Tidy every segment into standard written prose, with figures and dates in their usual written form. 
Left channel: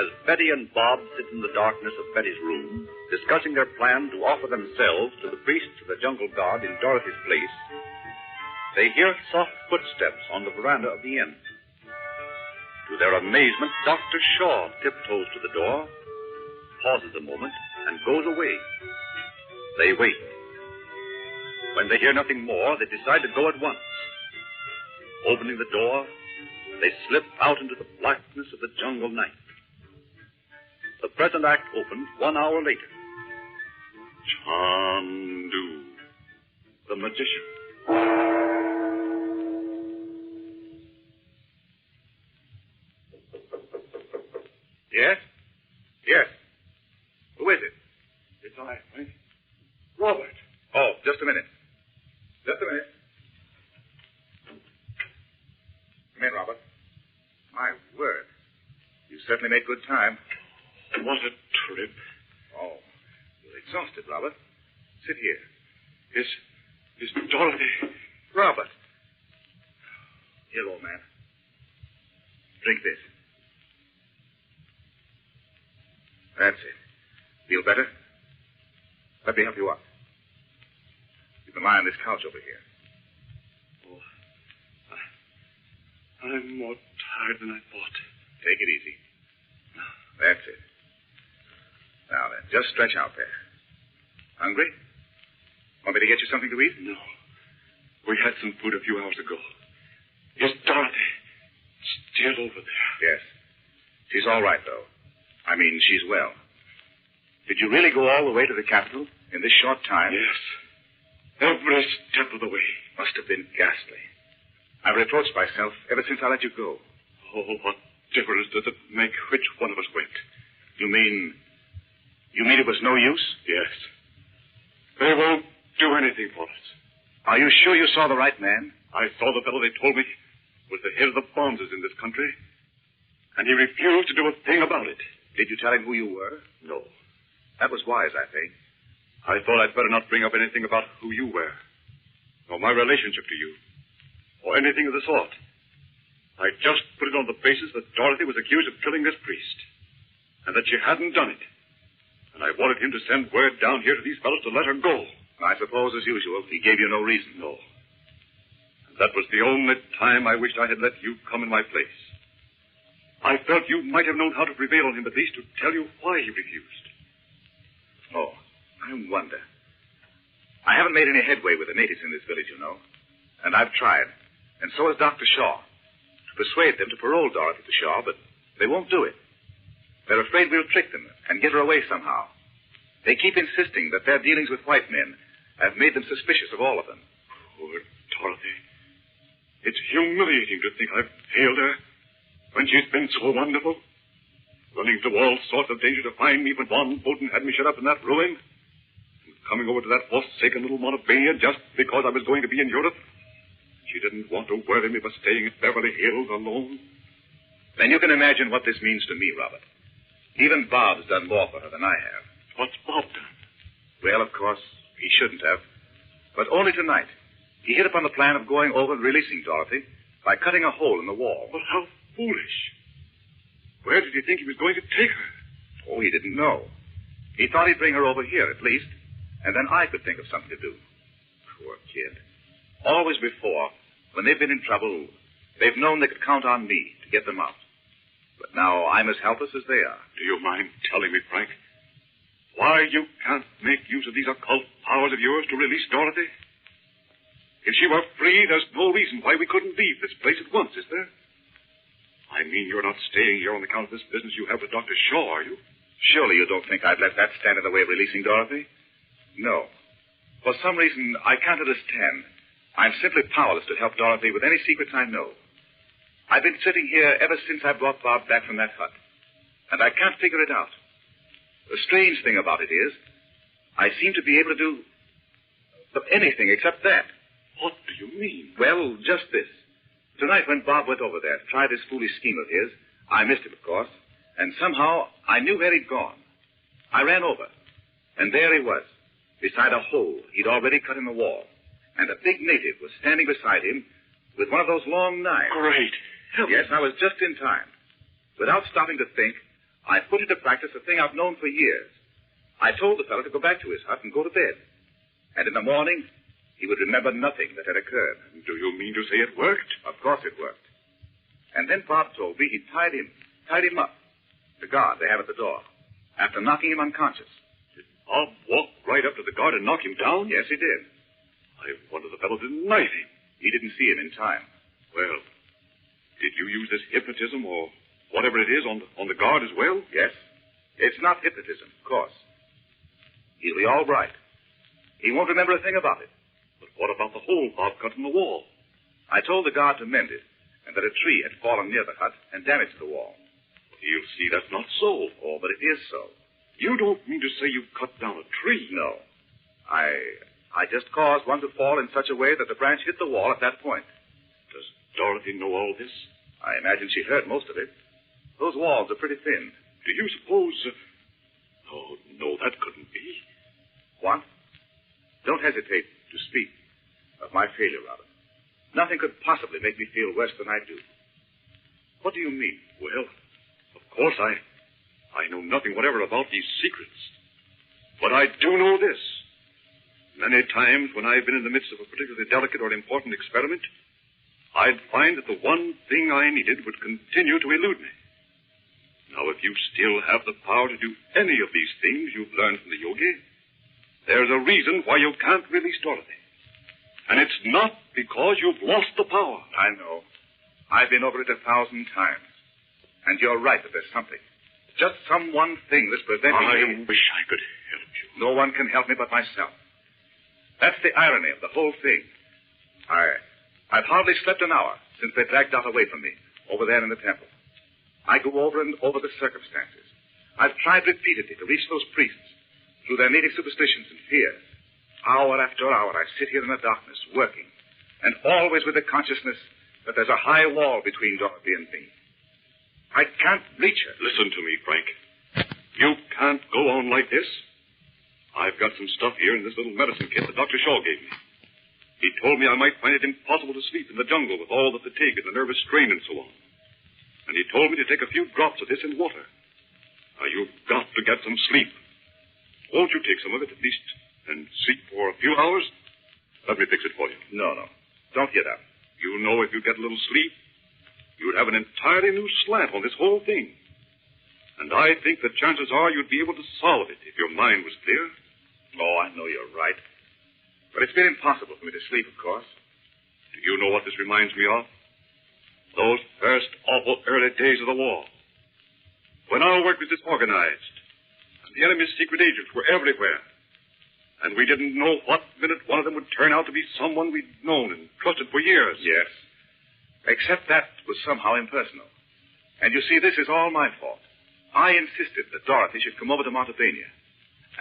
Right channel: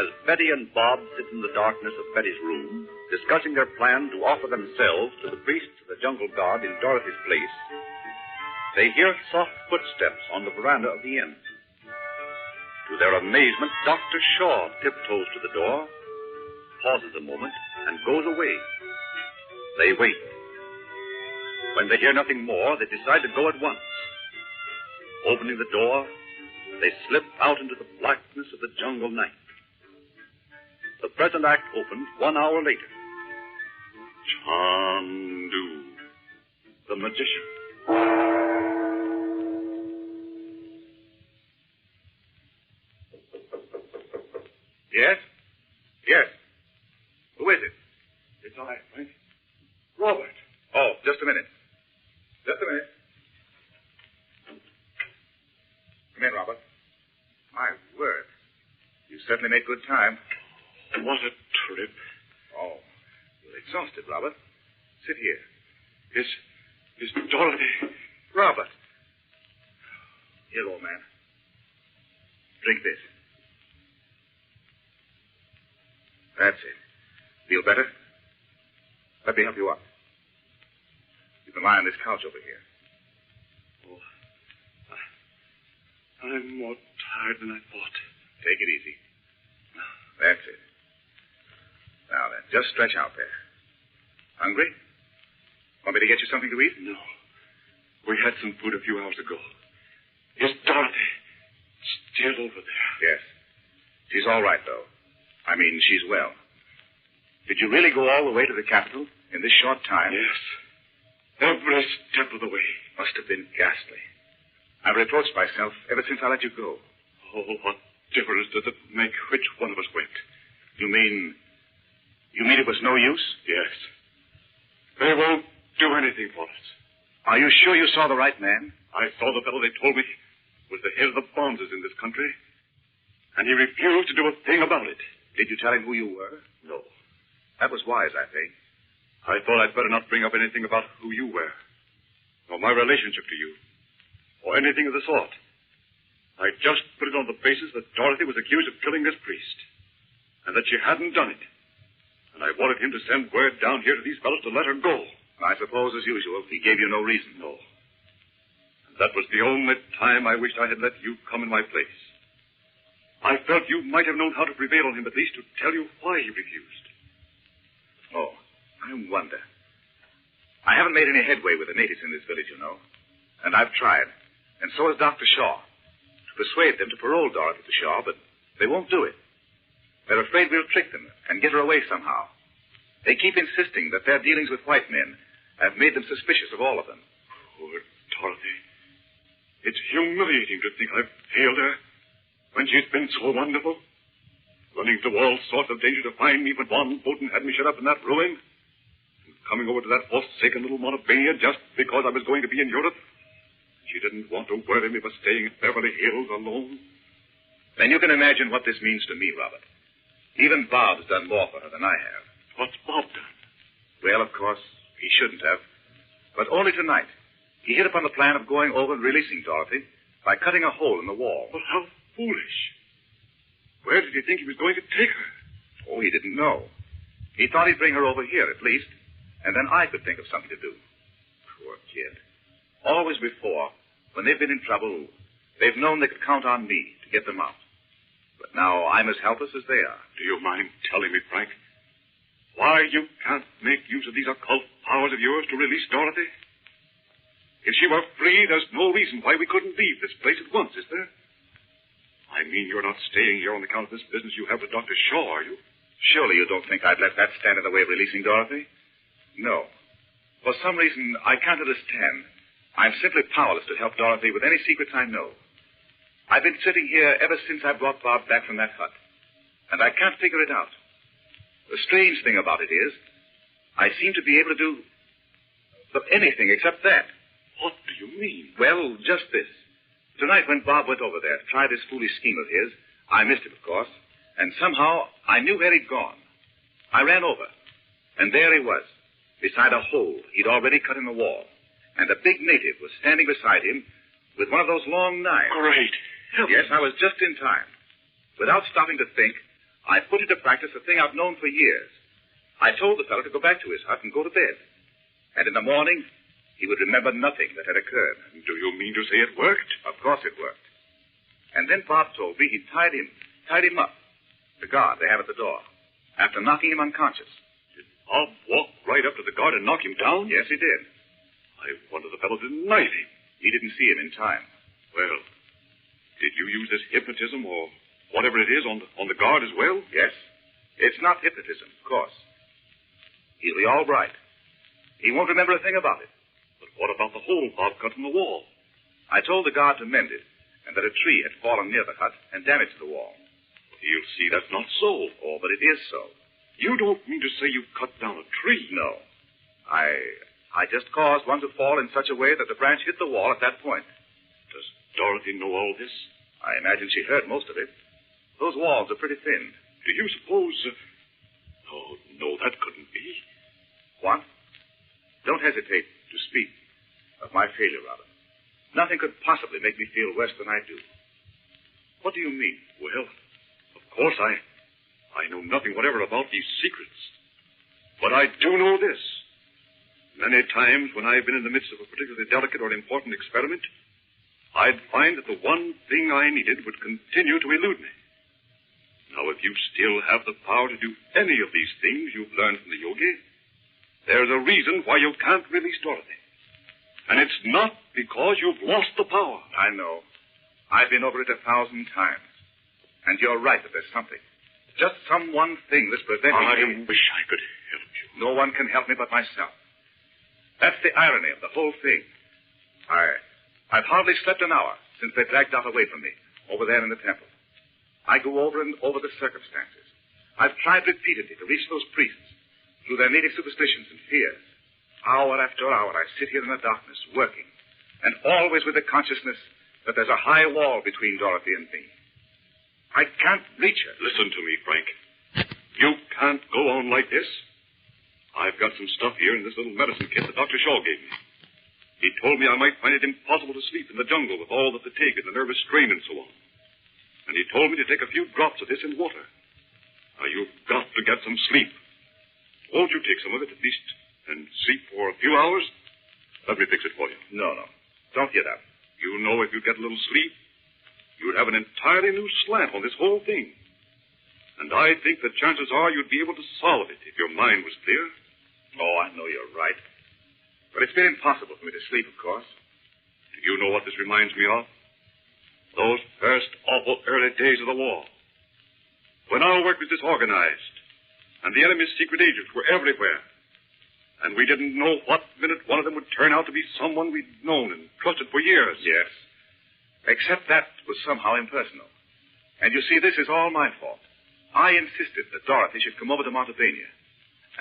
As Betty and Bob sit in the darkness of Betty's room, discussing their plan to offer themselves to the priest of the jungle guard in Dorothy's place, they hear soft footsteps on the veranda of the inn. To their amazement, Dr. Shaw tiptoes to the door, pauses a moment, and goes away. They wait. When they hear nothing more, they decide to go at once. Opening the door, they slip out into the blackness of the jungle night. The present act opened 1 hour later. Chandu the Magician. Yes? Yes. Who is it? It's I, Frank. Robert. Oh, just a minute. Just a minute. Come in, Robert. My word. You certainly made good time. What a trip. Oh, you're exhausted, Robert. Sit here. This Dorothy. Robert. Here, old man. Drink this. That's it. Feel better? Let me help you up. You can lie on this couch over here. Oh, I'm more tired than I thought. Take it easy. That's it. Now then, just stretch out there. Hungry? Want me to get you something to eat? No. We had some food a few hours ago. Just Dorothy. Still over there. Yes. She's all right, though. I mean, she's well. Did you really go all the way to the capital in this short time? Yes. Every step of the way. Must have been ghastly. I've reproached myself ever since I let you go. Oh, what difference does it make which one of us went? You mean it was no use? Yes. They won't do anything for us. Are you sure you saw the right man? I saw the fellow they told me was the head of the bonzes in this country, and he refused to do a thing about it. Did you tell him who you were? No. That was wise, I think. I thought I'd better not bring up anything about who you were, or my relationship to you, or anything of the sort. I just put it on the basis that Dorothy was accused of killing this priest, and that she hadn't done it. And I wanted him to send word down here to these fellows to let her go. I suppose, as usual, he gave you no reason. No. And that was the only time I wished I had let you come in my place. I felt you might have known how to prevail on him, at least to tell you why he refused. Oh, I wonder. I haven't made any headway with the natives in this village, you know. And I've tried. And so has Dr. Shaw. Persuade them to parole Dorothy to Shaw, but they won't do it. They're afraid we'll trick them and get her away somehow. They keep insisting that their dealings with white men have made them suspicious of all of them. Poor Dorothy. It's humiliating to think I've failed her when she's been so wonderful. Running through all sorts of danger to find me when Von Bolton had me shut up in that ruin. And coming over to that forsaken little Montebello just because I was going to be in Europe. She didn't want to worry me for staying at Beverly Hills alone. Then you can imagine what this means to me, Robert. Even Bob's done more for her than I have. What's Bob done? Well, of course, he shouldn't have. But only tonight. He hit upon the plan of going over and releasing Dorothy by cutting a hole in the wall. But how foolish. Where did he think he was going to take her? Oh, he didn't know. He thought he'd bring her over here, at least, and then I could think of something to do. Poor kid. Always before, when they've been in trouble, they've known they could count on me to get them out. But now I'm as helpless as they are. Do you mind telling me, Frank, why you can't make use of these occult powers of yours to release Dorothy? If she were free, there's no reason why we couldn't leave this place at once, is there? I mean, you're not staying here on account of this business you have with Dr. Shaw, are you? Surely you don't think I'd let that stand in the way of releasing Dorothy? No. For some reason, I can't understand. I'm simply powerless to help Dorothy with any secrets I know. I've been sitting here ever since I brought Bob back from that hut, and I can't figure it out. The strange thing about it is, I seem to be able to do anything except that. What do you mean? Well, just this. Tonight, when Bob went over there, tried this foolish scheme of his, I missed it, of course, and somehow I knew where he'd gone. I ran over, and there he was, beside a hole he'd already cut in the wall, and a big native was standing beside him with one of those long knives. Great. Yes, I was just in time. Without stopping to think, I put into practice a thing I've known for years. I told the fellow to go back to his hut and go to bed. And in the morning, he would remember nothing that had occurred. Do you mean to say it worked? Of course it worked. And then Bob told me he tied him up, the guard they have at the door, after knocking him unconscious. Did Bob walk right up to the guard and knock him down? Yes, he did. I wonder the fellow didn't knife him. He didn't see him in time. Well, did you use this hypnotism or whatever it is on the guard as well? Yes. It's not hypnotism, of course. He'll be all right. He won't remember a thing about it. But what about the hole Bob cut in the wall? I told the guard to mend it, and that a tree had fallen near the hut and damaged the wall. You see, that's not so. Oh, but it is so. You don't mean to say you cut down a tree? No. I just caused one to fall in such a way that the branch hit the wall at that point. Does Dorothy know all this? I imagine she heard most of it. Those walls are pretty thin. Do you suppose... Oh, no, that couldn't be. What? Don't hesitate to speak of my failure, Robert. Nothing could possibly make me feel worse than I do. What do you mean? Well, of course, I know nothing whatever about these secrets. But I do know this. Many times when I've been in the midst of a particularly delicate or important experiment, I'd find that the one thing I needed would continue to elude me. Now, if you still have the power to do any of these things you've learned from the yogi, there's a reason why you can't release Dorothy. And it's not because you've lost the power. I know. I've been over it 1,000 times. And you're right that there's something. Just some one thing that's preventing me. I wish I could help you. No one can help me but myself. That's the irony of the whole thing. I've hardly slept an hour since they dragged Dot away from me, over there in the temple. I go over and over the circumstances. I've tried repeatedly to reach those priests through their native superstitions and fears. Hour after hour, I sit here in the darkness, working, and always with the consciousness that there's a high wall between Dorothy and me. I can't reach her. Listen to me, Frank. You can't go on like this. I've got some stuff here in this little medicine kit that Dr. Shaw gave me. He told me I might find it impossible to sleep in the jungle with all the fatigue and the nervous strain and so on. And he told me to take a few drops of this in water. Now, you've got to get some sleep. Won't you take some of it at least and sleep for a few hours? Let me fix it for you. No. Don't get up. You know if you get a little sleep, you'd have an entirely new slant on this whole thing. And I think that chances are you'd be able to solve it if your mind was clear. Oh, I know you're right. But it's been impossible for me to sleep, of course. Do you know what this reminds me of? Those first awful early days of the war. When our work was disorganized, and the enemy's secret agents were everywhere. And we didn't know what minute one of them would turn out to be someone we'd known and trusted for years. Yes. Except that was somehow impersonal. And you see, this is all my fault. I insisted that Dorothy should come over to Montebania.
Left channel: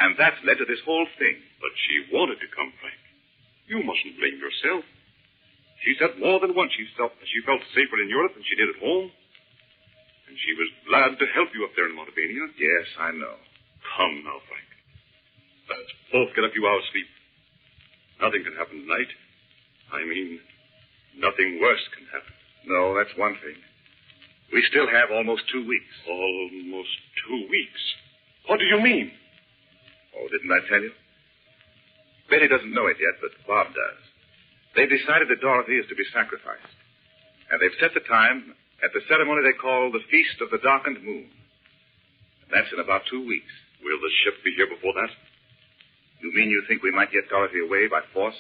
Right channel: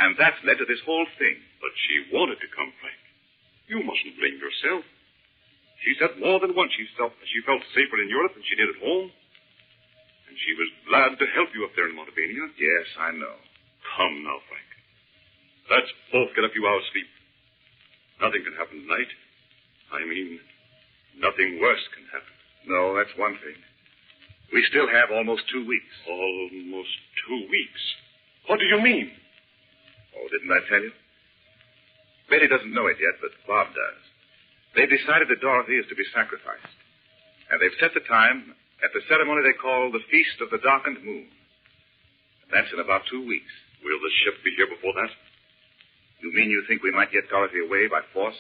And that's led to this whole thing. But she wanted to come, Frank. You mustn't blame yourself. She said more than once she felt safer in Europe than she did at home. And she was glad to help you up there in Montebania. Yes, I know. Come now, Frank. Let's both get a few hours' sleep. Nothing can happen tonight. I mean, nothing worse can happen. No, that's one thing. We still have almost 2 weeks. Almost 2 weeks? What do you mean? Oh, didn't I tell you? Betty doesn't know it yet, but Bob does. They've decided that Dorothy is to be sacrificed. And they've set the time at the ceremony they call the Feast of the Darkened Moon. That's in about 2 weeks. Will the ship be here before that? You mean you think we might get Dorothy away by force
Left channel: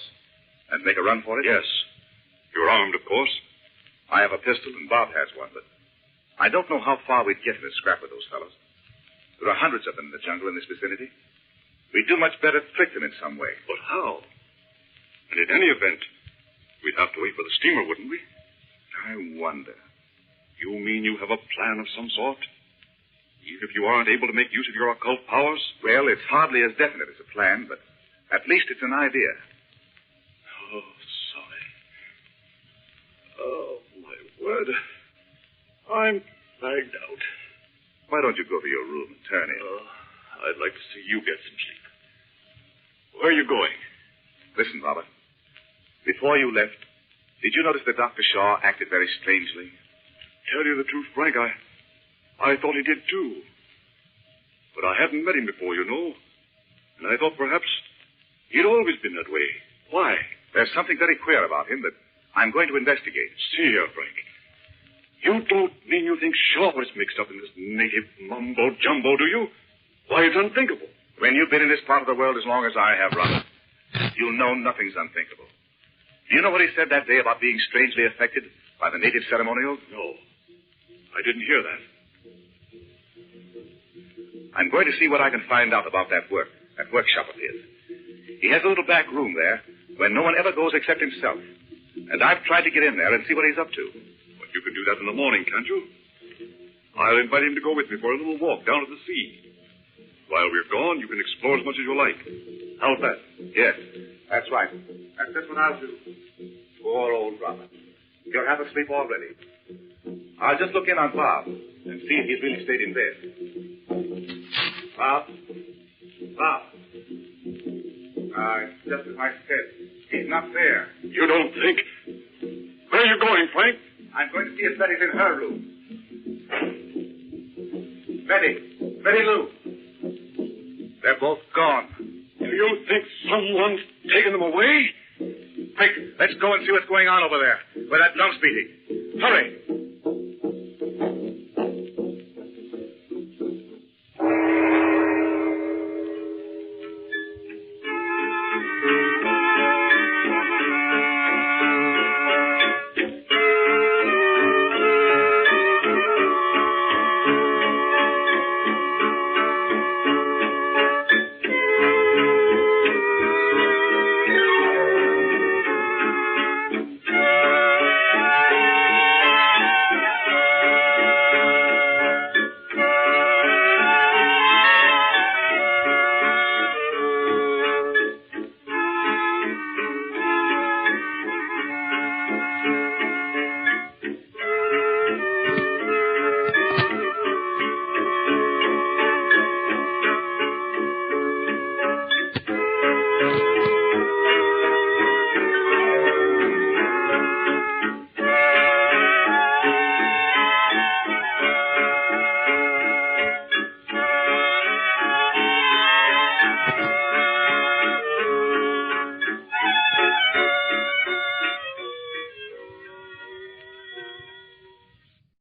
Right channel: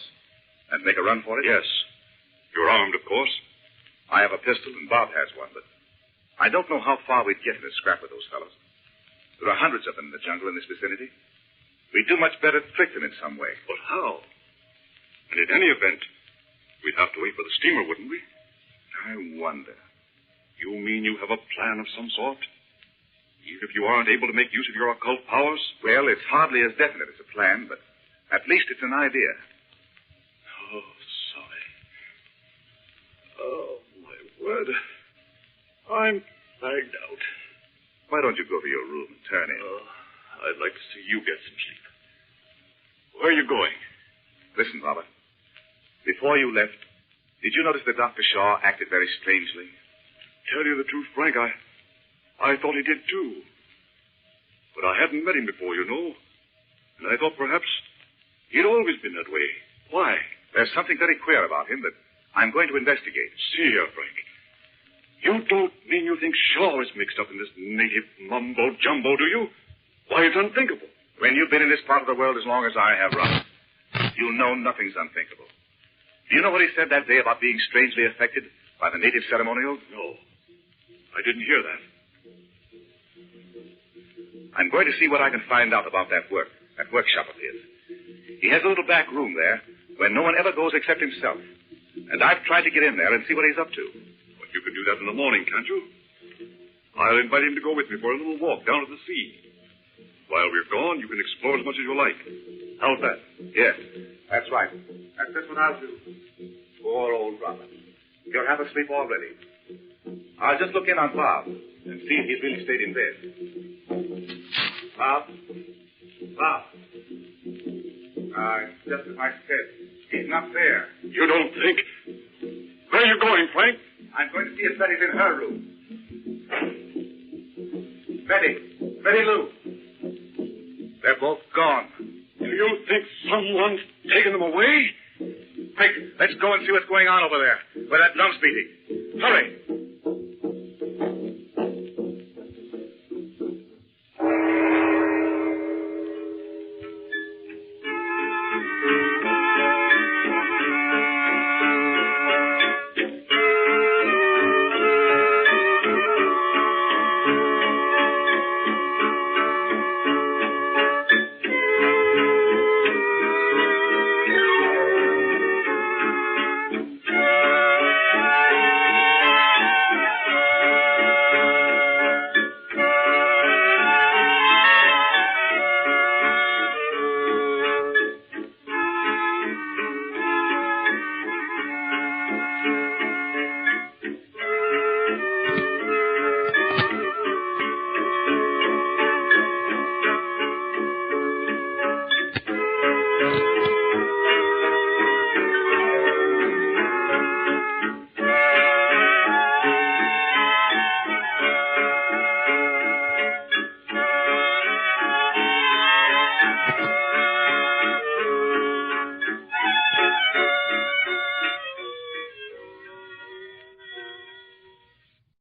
and make a run for it? Yes. You're armed, of course. I have a pistol, and Bob has one, but I don't know how far we'd get in a scrap with those fellows. There are hundreds of them in the jungle in this vicinity. We'd do much better to trick them in some way. But how? And in any event, we'd have to wait for the steamer, wouldn't we? I wonder. You mean you have a plan of some sort? Even if you aren't able to make use of your occult powers? Well, it's hardly as definite as a plan, but at least it's an idea. Oh, sorry. Oh, my word. I'm fagged out. Why don't you go to your room and turn in? I'd like to see you get some sleep. Where are you going? Listen, Robert. Before you left, did you notice that Dr. Shaw acted very strangely? Tell you the truth, Frank, I thought he did, too. But I hadn't met him before, you know. And I thought perhaps he'd always been that way. Why? There's something very queer about him that I'm going to investigate. See here, Frank. You don't mean you think Shaw was mixed up in this native mumbo-jumbo, do you? Why, it's unthinkable. When you've been in this part of the world as long as I have, Robert, you know nothing's unthinkable. You know what he said that day about being strangely affected by the native ceremonials? No. I didn't hear that. I'm going to see what I can find out about that workshop of his. He has a little back room there where no one ever goes except himself. And I've tried to get in there and see what he's up to. But you can do that in the morning, can't you? I invite him to go with me for a little walk down to the sea. While we're gone, you can explore as much as you like. How's that? Yes, that's right. That's just what I'll do. Poor old Robert. He'll have a sleep already. I'll just look in on Bob and see if he's really stayed in bed. Bob? Bob? Just as I said, he's not there. You don't think? Where are you going, Frank? I'm going to see if Betty's in her room. Betty Lou. They're both gone. Do you think someone's taken them away? Quick, let's go and see what's going on over there, where that drum's beating. Hurry.